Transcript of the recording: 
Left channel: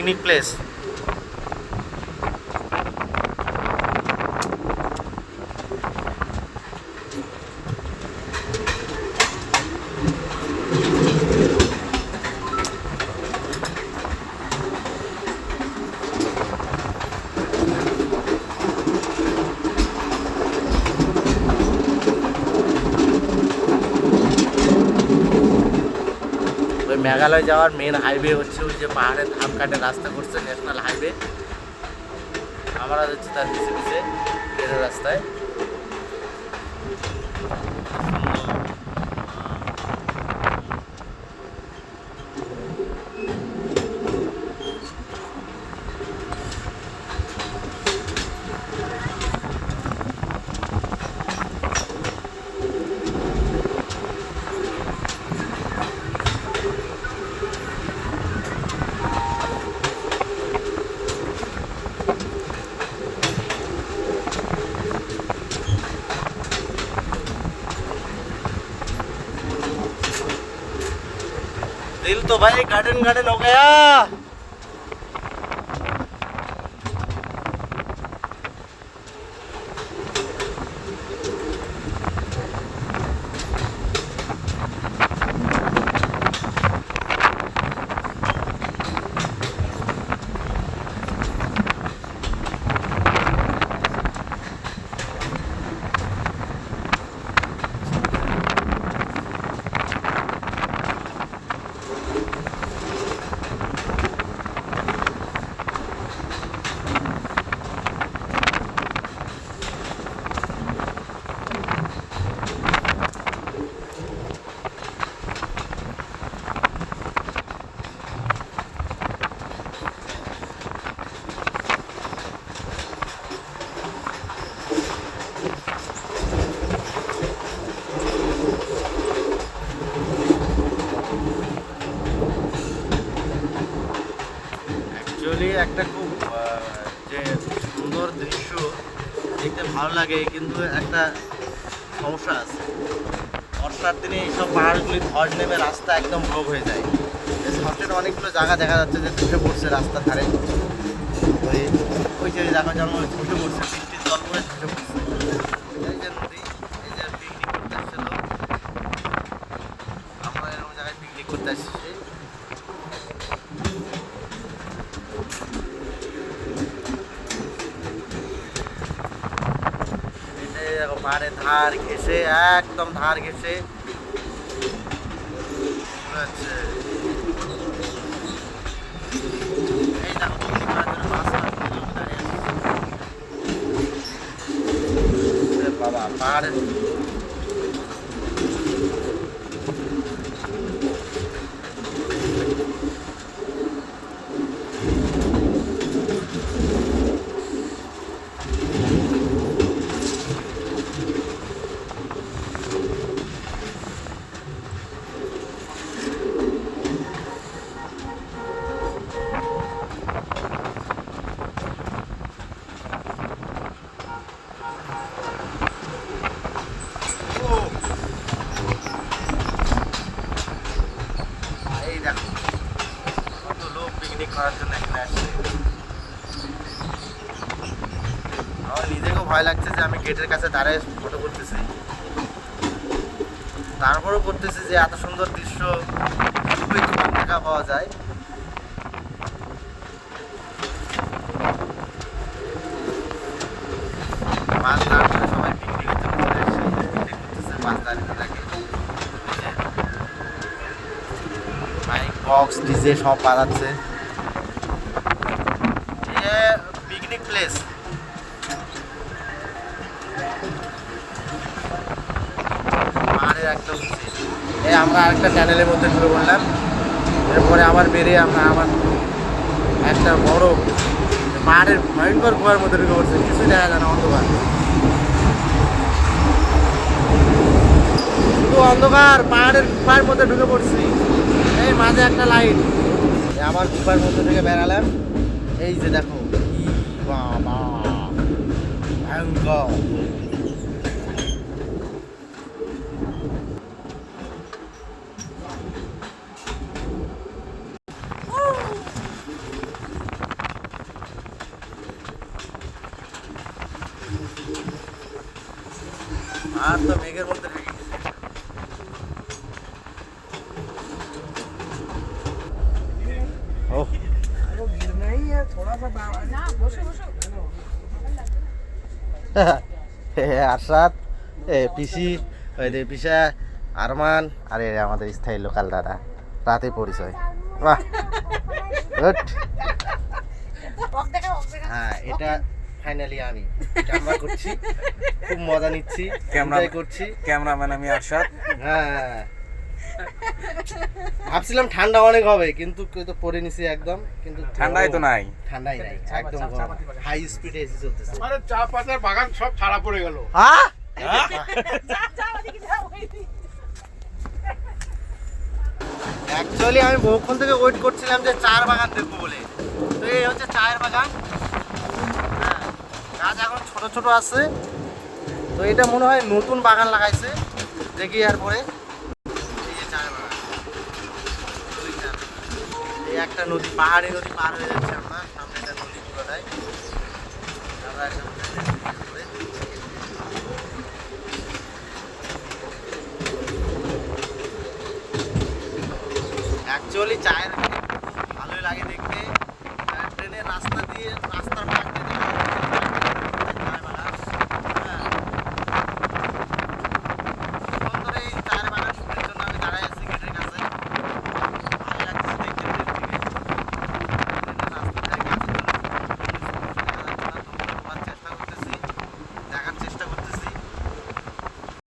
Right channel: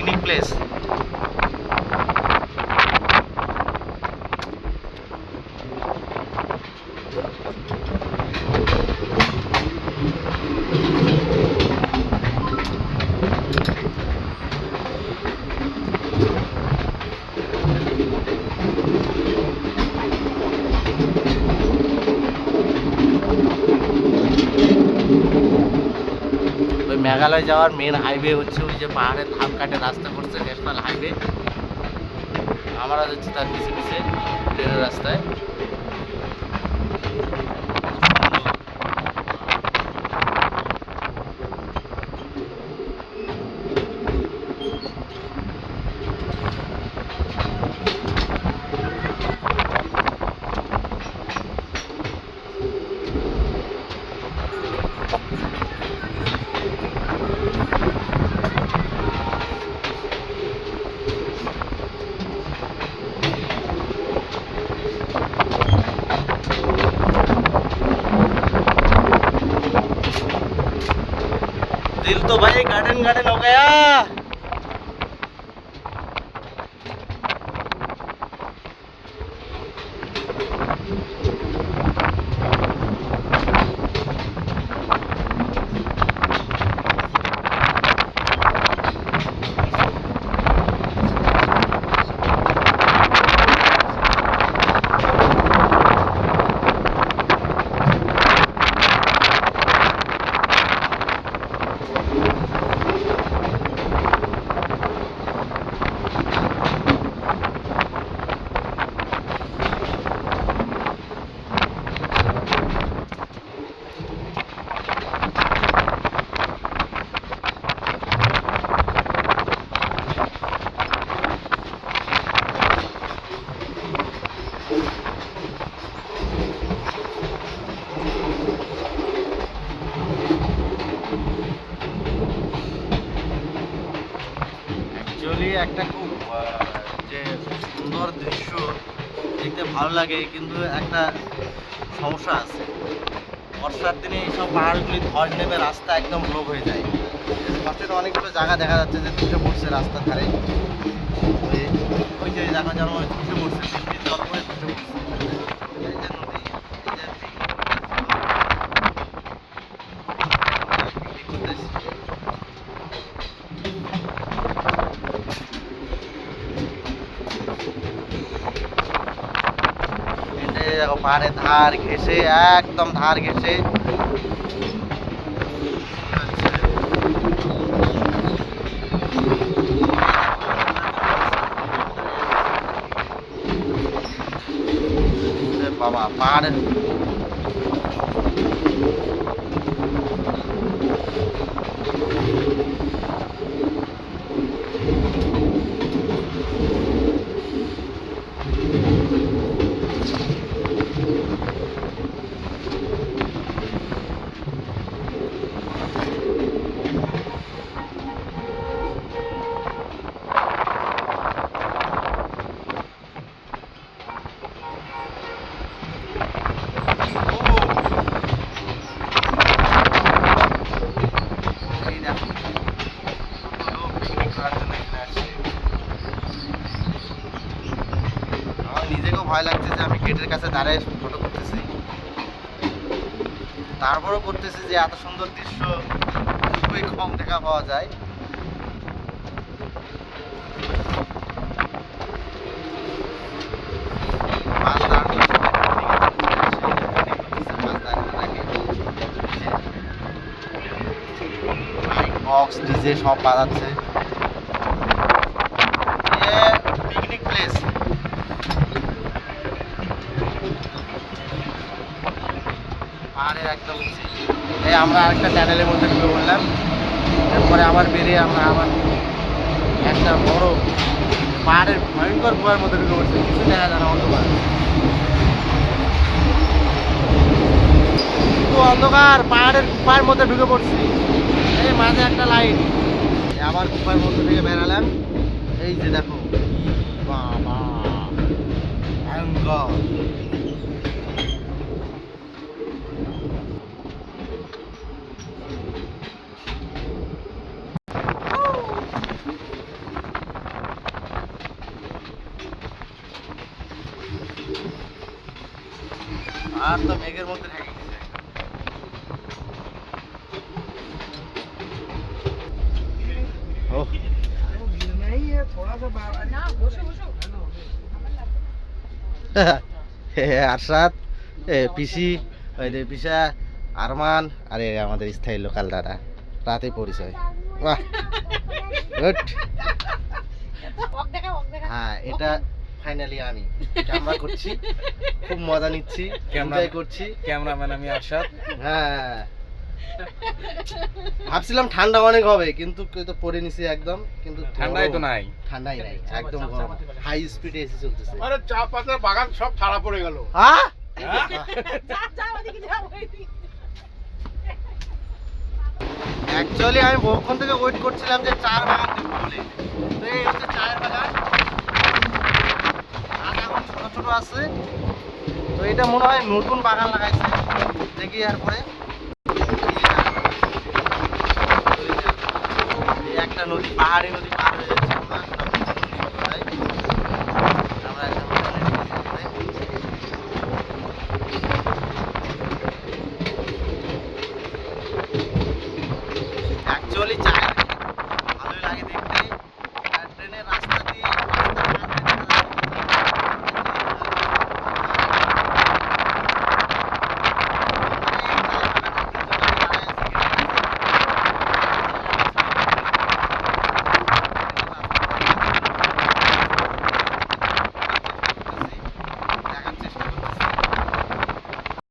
Picnic place. ওই মেঘালয় যাওয়ার main highway হচ্ছে ওই যে পাহাড়ের ধাপ কাটে রাস্তা করছে, ন্যাশনাল হাইওয়ে। আমরা যাচ্ছি তার পিছিয়ে পিছিয়ে ট্রেনের রাস্তায়। दिल तो भाई गार्डन गार्डन हो गया। অ্যাকচুয়ালি একটা খুব যে সুন্দর দৃশ্য দেখতে ভালো লাগে, কিন্তু একটা সমস্যা আছে। বর্ষার দিনে এইসব পাহাড়গুলি ধস নেমে রাস্তা একদম ব্লক হয়ে যায়। ধসের অনেকগুলো জায়গা দেখা যাচ্ছে যে ধসে পড়ছে রাস্তার ধারে। ওই যে জায়গা যেন ধসে পড়ছে, বৃষ্টির জল পড়ে ধসে পড়ছে। এই যে নদী, এই যে করতে পাহাড়ের ধার ঘেসে, একদম ধার ঘেসে বাবা পাহাড়ের আমার নিজেকেও ভয় লাগছে যে আমি গেটের কাছে দাঁড়ায় ফটো করতেছি, তারপরও করতেছি যে এত সুন্দর দৃশ্য খুবই কম দেখা পাওয়া যায়। বক্স ডিজে সব বাজাচ্ছে। Picnic place. পাহাড়ের একদম এই আমরা আরেকটা চ্যানেলের মধ্যে ঢুকে পড়লাম। এরপরে আবার বেরিয়ে আমরা আবার একটা বড় পাহাড়ের ভয়ঙ্কর গুহার মধ্যে ঢুকে পড়ছে, কিছুই দেখা যায় না, অন্ধকার, শুধু অন্ধকার। পাহাড়ের গুহার মধ্যে ঢুকে পড়ছি, এই মাঝে একটা লাইট। আবার গুহার মধ্যে থেকে বেরালাম। এই যে দেখো কি বাবা ভয়ঙ্কর। আর তো মেঘের মধ্যে ঢেকে গেছে। আরশাদ, পিসি, পিসা, আরমান, আরে আমাদের স্থায়ী লোকাল দাদা, রাতে পরিচয়। বাহ, গুড। হ্যাঁ, এটা ফাইনালি আমি ক্যামেরা করছি, খুব মজা নিচ্ছি, ক্যামেরা করছি। ক্যামেরাম্যান আমি আরশাদ। হ্যাঁ, ভাবছিলাম ঠান্ডা অনেক হবে, কিন্তু কেউ তো পরে নিছি একদম, কিন্তু ঠান্ডাই তো নাই। ঠান্ডাই নাই, একদম গরম, হাই স্পিডে এসে চলতেছে। আরে চা পাতার বাগান সব ছাড়া পড়ে গেল। হ্যাঁ, অ্যাকচুয়ালি আমি বহুক্ষণ থেকে ওয়েট করছিলাম যে চায়ের বাগান দেখবো বলে। তো এই হচ্ছে চায়ের বাগান, গাছ এখন ছোট ছোট আছে। তো এটা মনে হয় নতুন বাগান লাগাইছে, দেখি এরপরে। এই একটা নদী, পাহাড়ি নদী পার হয়ে যাচ্ছে আমরা, সামনে একটা নদী পুরোটাই। আমরা অ্যাকচুয়ালি চায়ের